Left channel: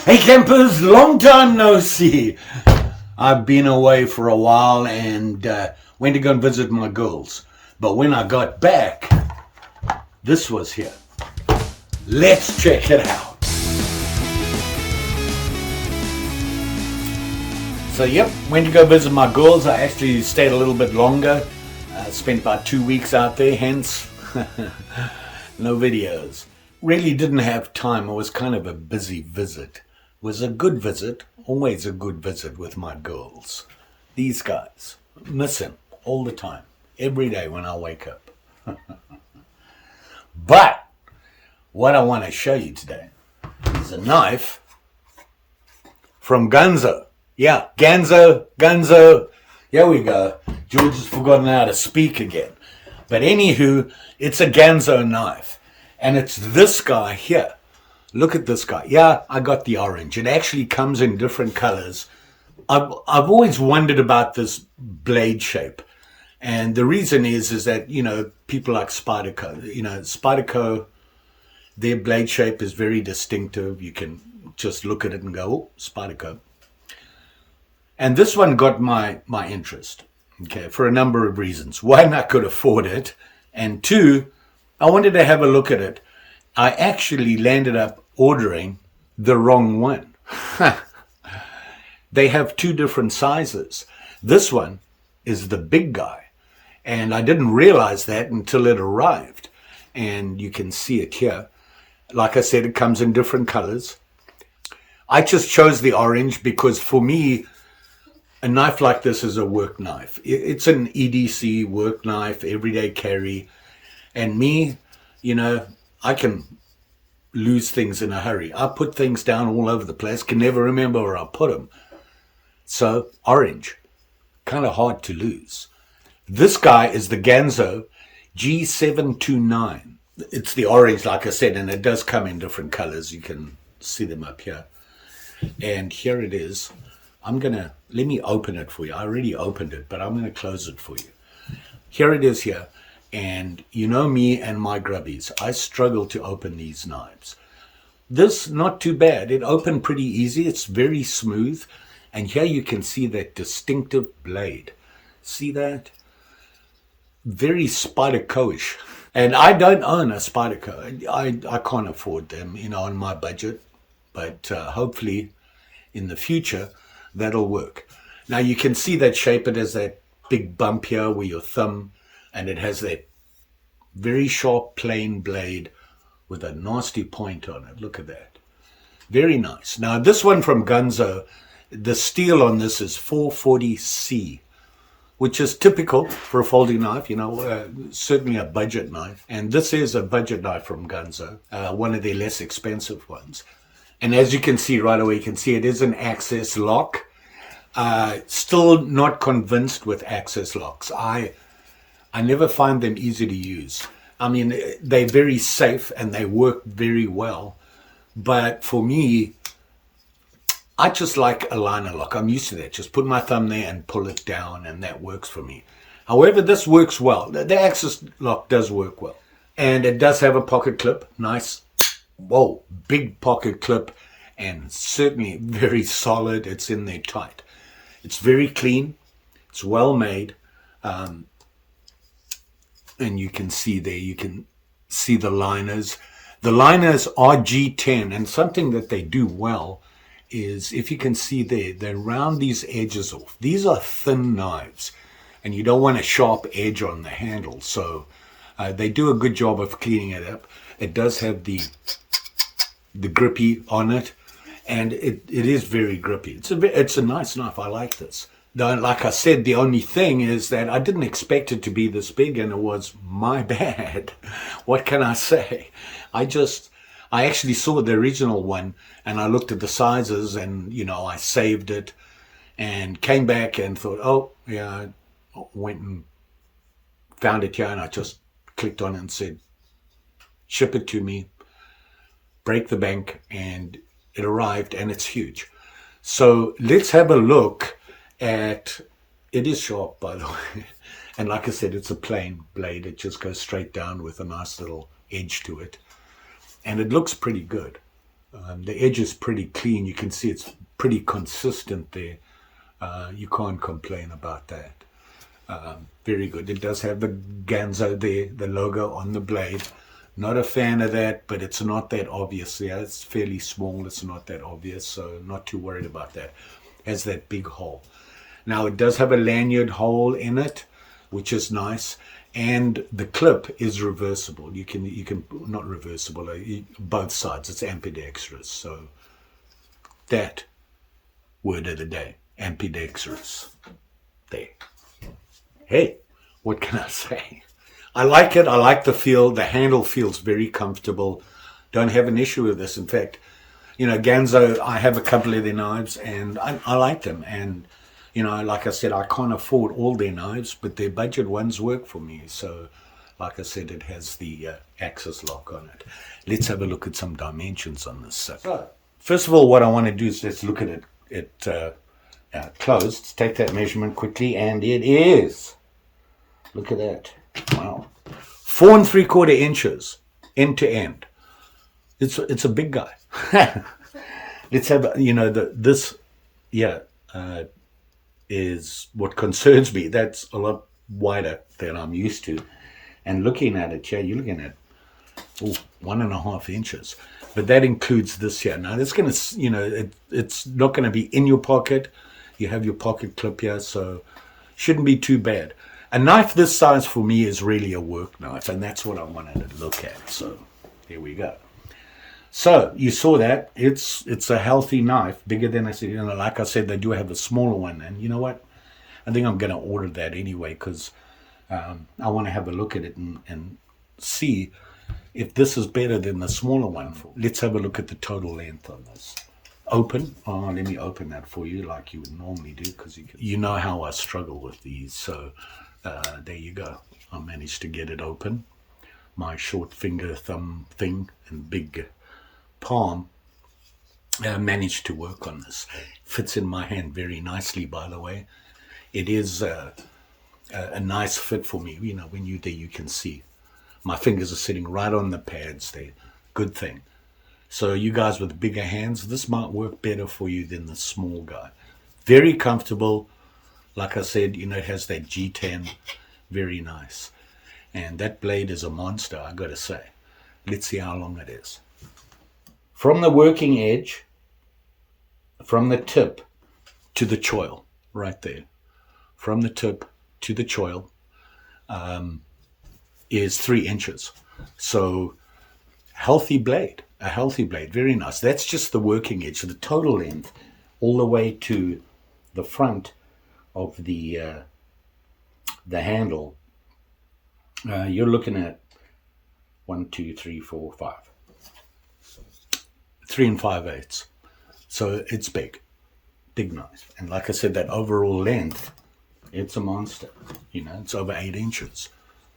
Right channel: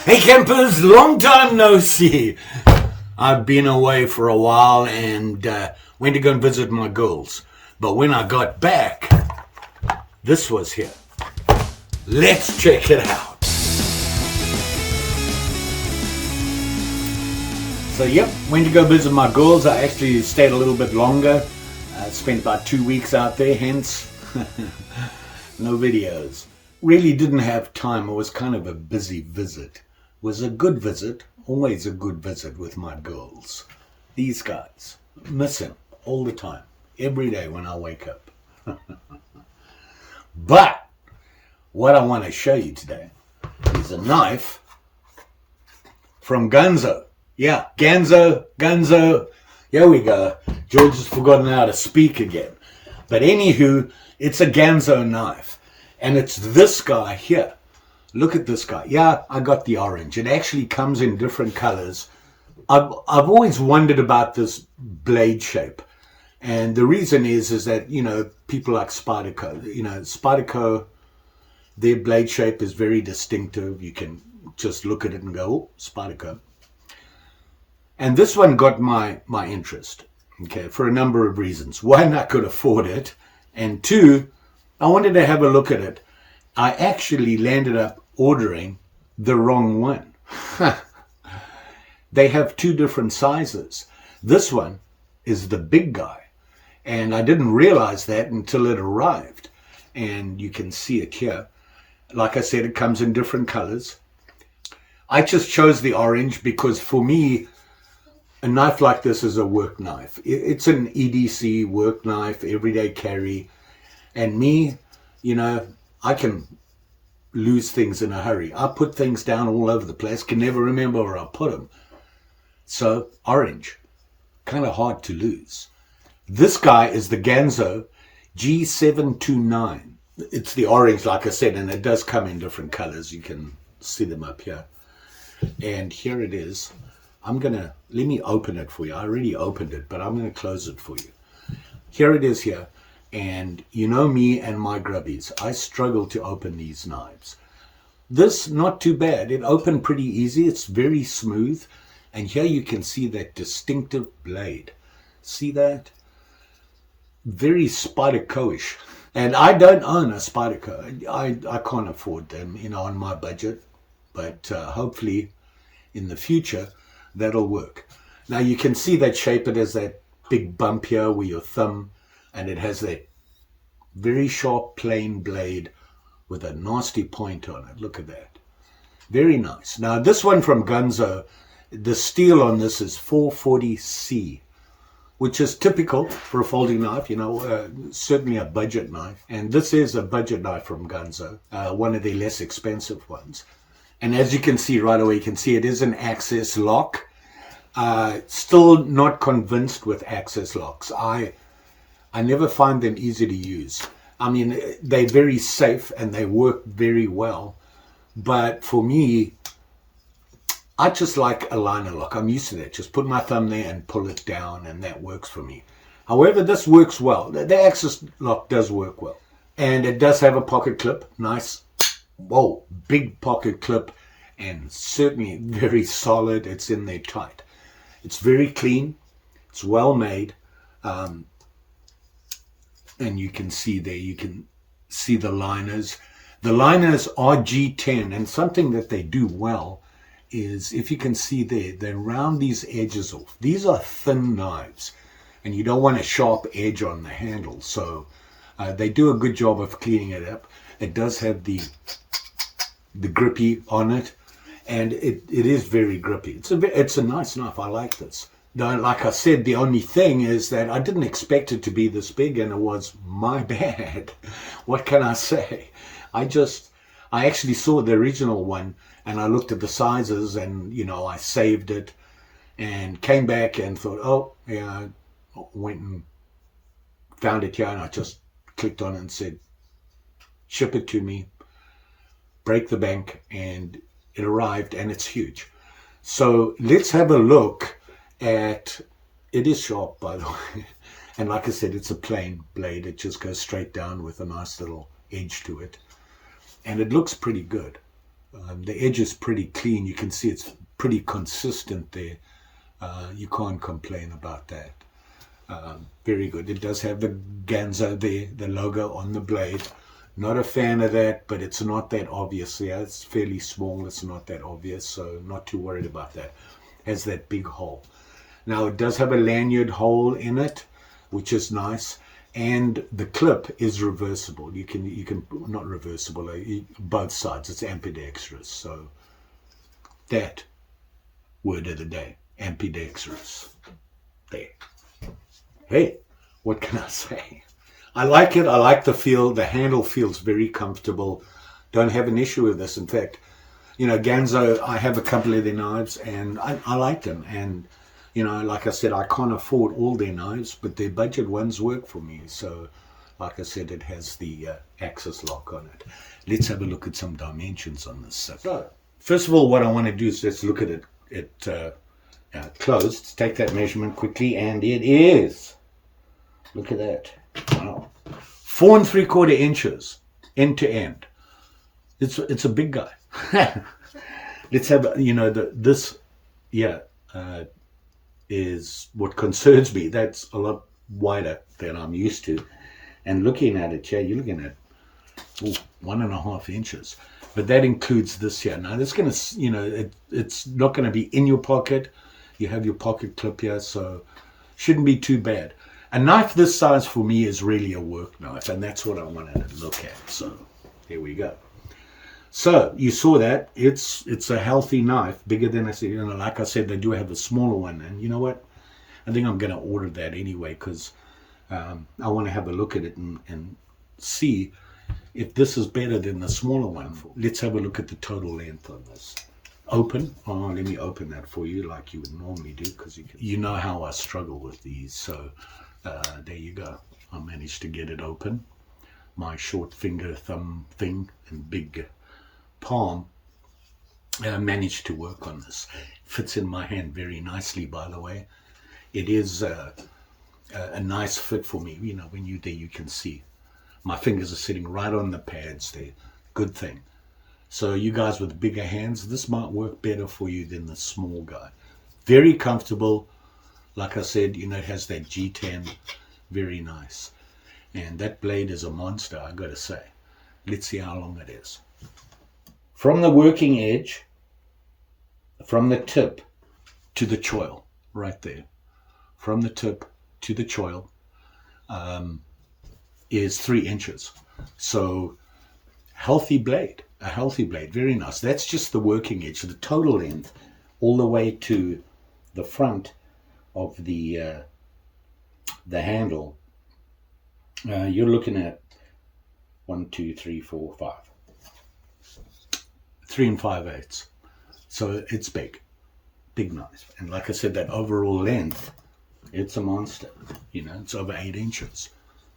Hey campers, long time no see. I've been away for a while and went to go and visit my girls. But when I got back, this was here. Let's check it out. So yep, went to go visit my girls. I actually stayed a little bit longer. Spent about 2 weeks out there, hence no videos. Really didn't have time. It was kind of a busy visit. It was a good visit, always a good visit with my girls. These guys, miss them all the time, every day when I wake up. But what I want to show you today is a knife from Ganzo. Yeah, Ganzo. Here we go. George has forgotten how to speak again. But anywho, it's a Ganzo knife. And it's this guy here. Look at this guy. Yeah, I got the orange. It actually comes in different colors. I've always wondered about this blade shape. And the reason is that, people like Spyderco, Spyderco, their blade shape is very distinctive. You can just look at it and go, oh, Spyderco. And this one got my interest, okay, for a number of reasons. One, I could afford it. And two, I wanted to have a look at it. I actually landed up ordering the wrong one. They have two different sizes. This one is the big guy. And I didn't realize that until it arrived. And you can see it here. Like I said, it comes in different colors. I just chose the orange because for me, a knife like this is a work knife. It's an EDC work knife, everyday carry. And me, I can lose things in a hurry. I put things down all over the place, can never remember where I put them. So, orange, kind of hard to lose. This guy is the Ganzo G729. It's the orange, like I said, and it does come in different colors. You can see them up here. And here it is. let me open it for you. I already opened it, but I'm going to close it for you. Here it is here. And you know me and my grubbies. I struggle to open these knives. This, not too bad. It opened pretty easy. It's very smooth. And here you can see that distinctive blade. See that? Very Spyderco-ish. And I don't own a Spyderco. I can't afford them, on my budget. But hopefully in the future, that'll work. Now you can see that shape. It has that big bump here where your thumb, and it has that very sharp plain blade with a nasty point on it. Look at that. Very nice. Now this one from Ganzo, the steel on this is 440C, which is typical for a folding knife, certainly a budget knife. And this is a budget knife from Ganzo, one of the less expensive ones. And as you can see right away, you can see it is an access lock. Still not convinced with access locks. I never find them easy to use. I mean, they're very safe and they work very well. But for me, I just like a liner lock. I'm used to that. Just put my thumb there and pull it down, and that works for me. However, this works well. The access lock does work well. And it does have a pocket clip. Nice, whoa, big pocket clip, and certainly very solid. It's in there tight. It's very clean. It's well made. And you can see there, you can see the liners. The liners are G10, and something that they do well is, if you can see there, they round these edges off. These are thin knives, and you don't want a sharp edge on the handle, so they do a good job of cleaning it up. It does have the grippy on it, and it is very grippy. It's a nice knife. I like this. Now, like I said, the only thing is that I didn't expect it to be this big, and it was my bad. What can I say? I actually saw the original one, and I looked at the sizes, and, I saved it and came back and thought, oh, yeah, I went and found it here, and I just clicked on it and said, ship it to me, break the bank, and it arrived, and it's huge. So let's have a look at, it is sharp, by the way, and like I said, it's a plain blade. It just goes straight down with a nice little edge to it, and it looks pretty good. The edge is pretty clean. You can see it's pretty consistent there. You can't complain about that. Very good. It does have the Ganzo there, the logo on the blade. Not a fan of that, but it's not that obvious. Yeah, it's fairly small. It's not that obvious, so not too worried about that. Has that big hole. Now it does have a lanyard hole in it, which is nice, and the clip is reversible. You can not reversible, both sides. It's ambidextrous. So that word of the day, ambidextrous. There. Hey, what can I say? I like it. I like the feel. The handle feels very comfortable. Don't have an issue with this. In fact, you know, Ganzo, I have a couple of their knives and I like them. And, you know, like I said, I can't afford all their knives, but their budget ones work for me. So, like I said, it has the axis lock on it. Let's have a look at some dimensions on this. So, first of all, what I want to do is let's look at it closed. Let's take that measurement quickly, and it is, look at that. Wow. 4 3/4 inches end to end. It's a big guy. Let's have, you know, this is what concerns me. That's a lot wider than I'm used to. And looking at it, you're looking at 1.5 inches. But that includes this here. Now, it's going to, you know, it's not going to be in your pocket. You have your pocket clip here, so shouldn't be too bad. A knife this size for me is really a work knife, and that's what I wanted to look at. So here we go. So you saw that it's a healthy knife, bigger than I said. You know, like I said, they do have a smaller one, and you know what? I think I'm going to order that anyway because I want to have a look at it and see if this is better than the smaller one. Let's have a look at the total length on this. Open. Oh, let me open that for you like you would normally do, because you know how I struggle with these. So there you go. I managed to get it open. My short finger thumb thing and big palm managed to work on this. Fits in my hand very nicely, by the way. It is a nice fit for me. You know, when you're there, you can see my fingers are sitting right on the pads there. Good thing. So you guys with bigger hands, this might work better for you than the small guy. Very comfortable. Like I said, you know, it has that G10. Very nice. And that blade is a monster, I got to say. Let's see how long it is. From the working edge, from the tip to the choil, right there. From the tip to the choil is 3 inches. So healthy blade, a healthy blade, very nice. That's just the working edge. So the total length all the way to the front of the handle, you're looking at 1, 2, 3, 4, 5. 3 5/8. So it's big knife. And like I said, that overall length, it's a monster. You know, it's over 8 inches.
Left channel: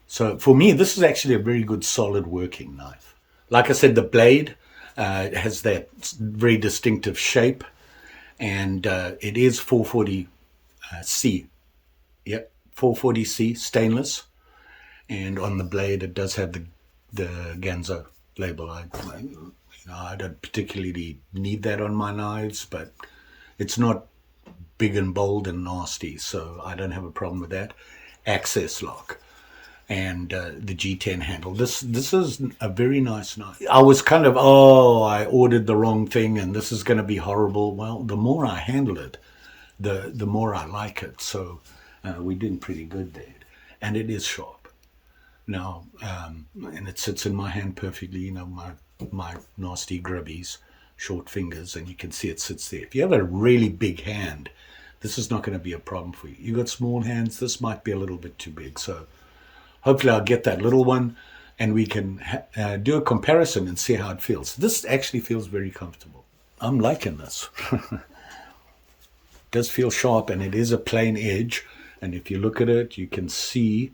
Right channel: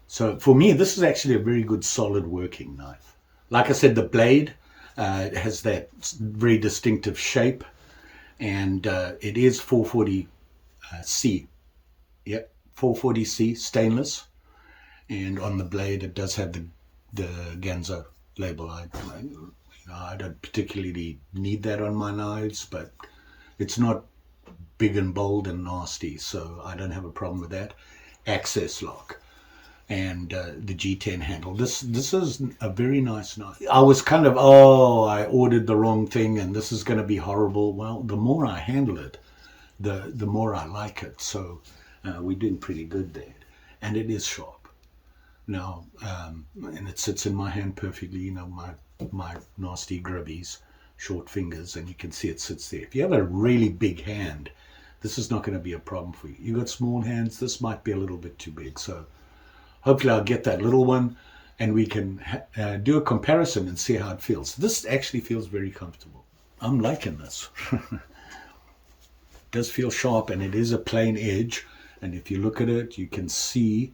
So for me, this is actually a very good solid working knife. Like I said, the blade has that very distinctive shape, and it is 440C. Yep, 440C stainless. And on the blade, it does have the Ganzo label. I don't particularly need that on my knives, but it's not big and bold and nasty, so I don't have a problem with that. Access lock and the G10 handle. This is a very nice knife. I was kind of, I ordered the wrong thing and this is going to be horrible. Well, the more I handle it, the more I like it. So we're doing pretty good there. And it is sharp. Now, and it sits in my hand perfectly, you know, my nasty grubbies, short fingers, and you can see it sits there. If you have a really big hand, this is not going to be a problem for you. You got small hands, this might be a little bit too big. So hopefully I'll get that little one and we can do a comparison and see how it feels. This actually feels very comfortable. I'm liking this. It does feel sharp, and it is a plain edge. And if you look at it, you can see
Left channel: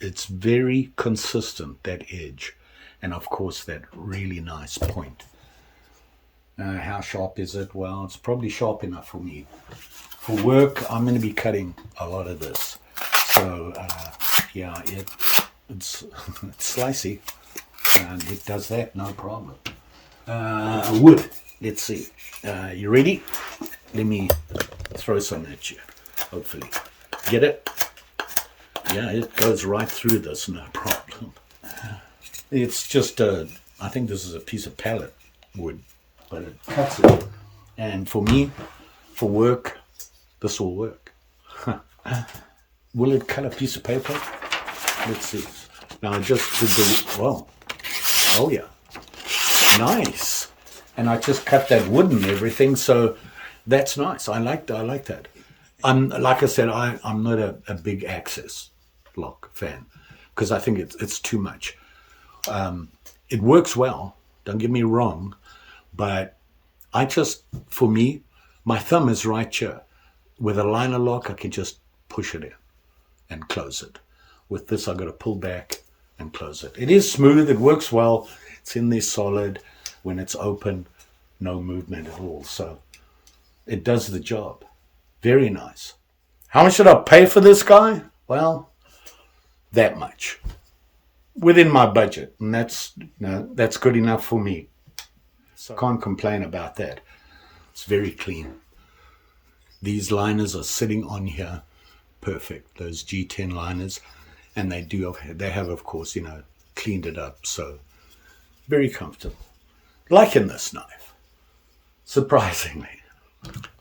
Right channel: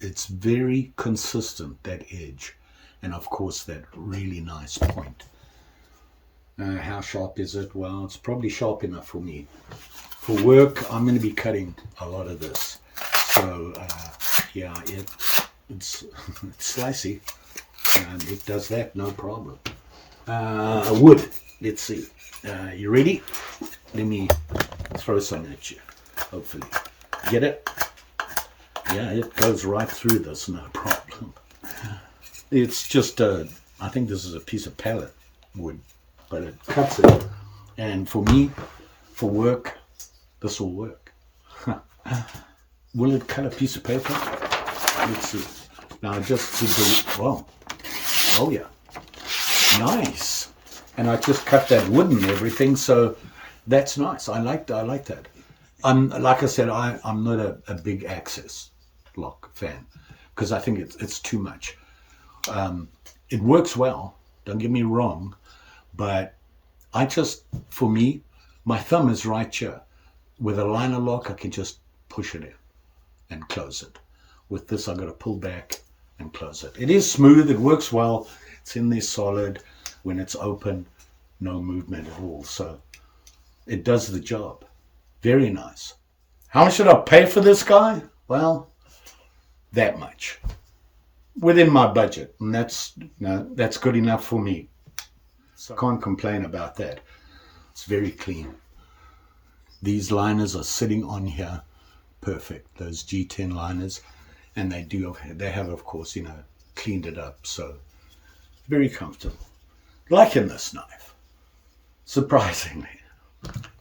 it's very consistent, that edge. And of course, that really nice point. How sharp is it? Well, it's probably sharp enough for me. For work, I'm going to be cutting a lot of this. So, yeah, it's slicey. And it does that, no problem. Wood. Let's see. You ready? Let me throw some at you, hopefully. Get it? Yeah, it goes right through this, no problem. It's just, I think this is a piece of pallet wood, but it cuts it. And for me, for work, this will work. Will it cut a piece of paper? Let's see. Now I just did the, whoa. Oh yeah. Nice. And I just cut that wood and everything, so that's nice. I like that. Like I said, I'm not a big access lock fan because I think it's too much. It works well, don't get me wrong, but for me, my thumb is right here. With a liner lock, I can just push it in and close it. With this, I've got to pull back and close it. It is smooth, it works well, it's in there solid. When it's open, no movement at all. So it does the job. Very nice. How much did I pay for this guy? Well, that much. Within my budget. And that's good enough for me. So can't complain about that. It's very clean. These liners are sitting on here perfect. Those G10 liners. And they have, of course, cleaned it up. So very comfortable. Liking this knife. Surprisingly.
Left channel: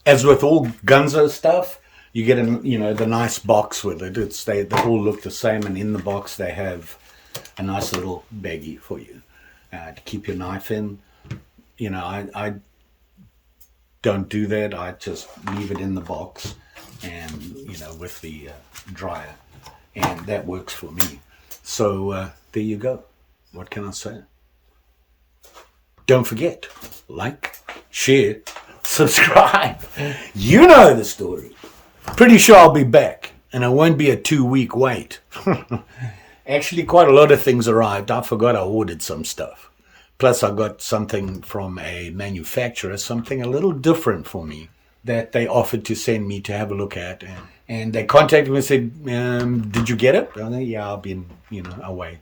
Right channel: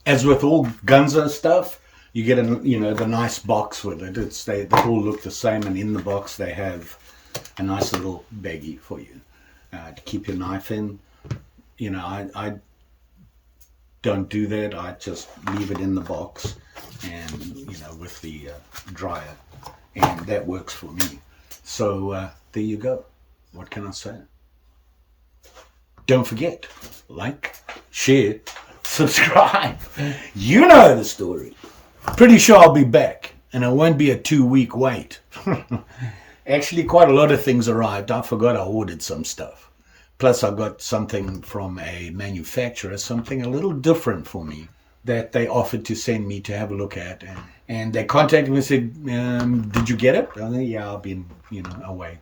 As with all Ganzo stuff, you get the nice box with it. They all look the same, and in the box they have a nice little baggie for you to keep your knife in. I don't do that. I just leave it in the box, and with the dryer, and that works for me. So there you go. What can I say? Don't forget, like, share, subscribe. You know the story. Pretty sure I'll be back, and it won't be a 2-week wait. Actually, quite a lot of things arrived. I forgot I ordered some stuff. Plus, I got something from a manufacturer, something a little different for me that they offered to send me to have a look at. And they contacted me and said, did you get it? I said, yeah, I've been, away,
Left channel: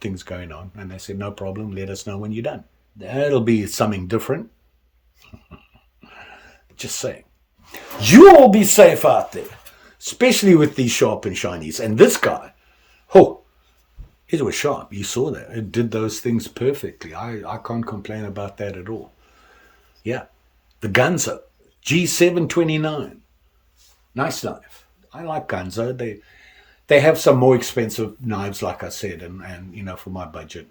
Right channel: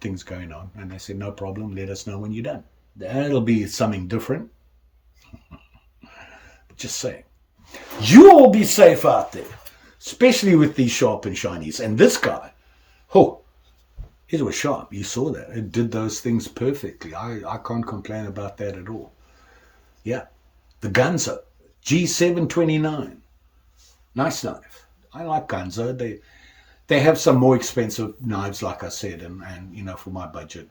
things going on. And they said, no problem, let us know when you're done. That'll be something different. Just saying. You all be safe out there, especially with these sharp and shinies. And this guy, it was sharp. You saw that. It did those things perfectly. I can't complain about that at all. Yeah. The Ganzo G729. Nice knife. I like Ganzo. They have some more expensive knives, like I said, and for my budget.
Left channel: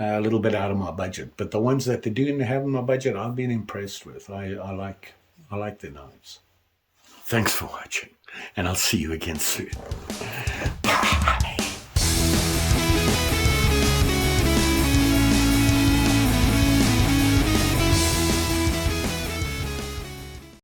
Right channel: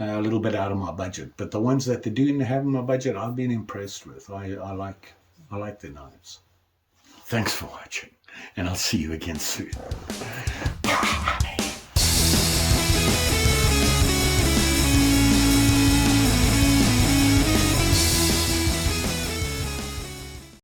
A little bit out of my budget, but the ones that they do have in my budget, I've been impressed with. I like their knives. Thanks for watching, and I'll see you again soon.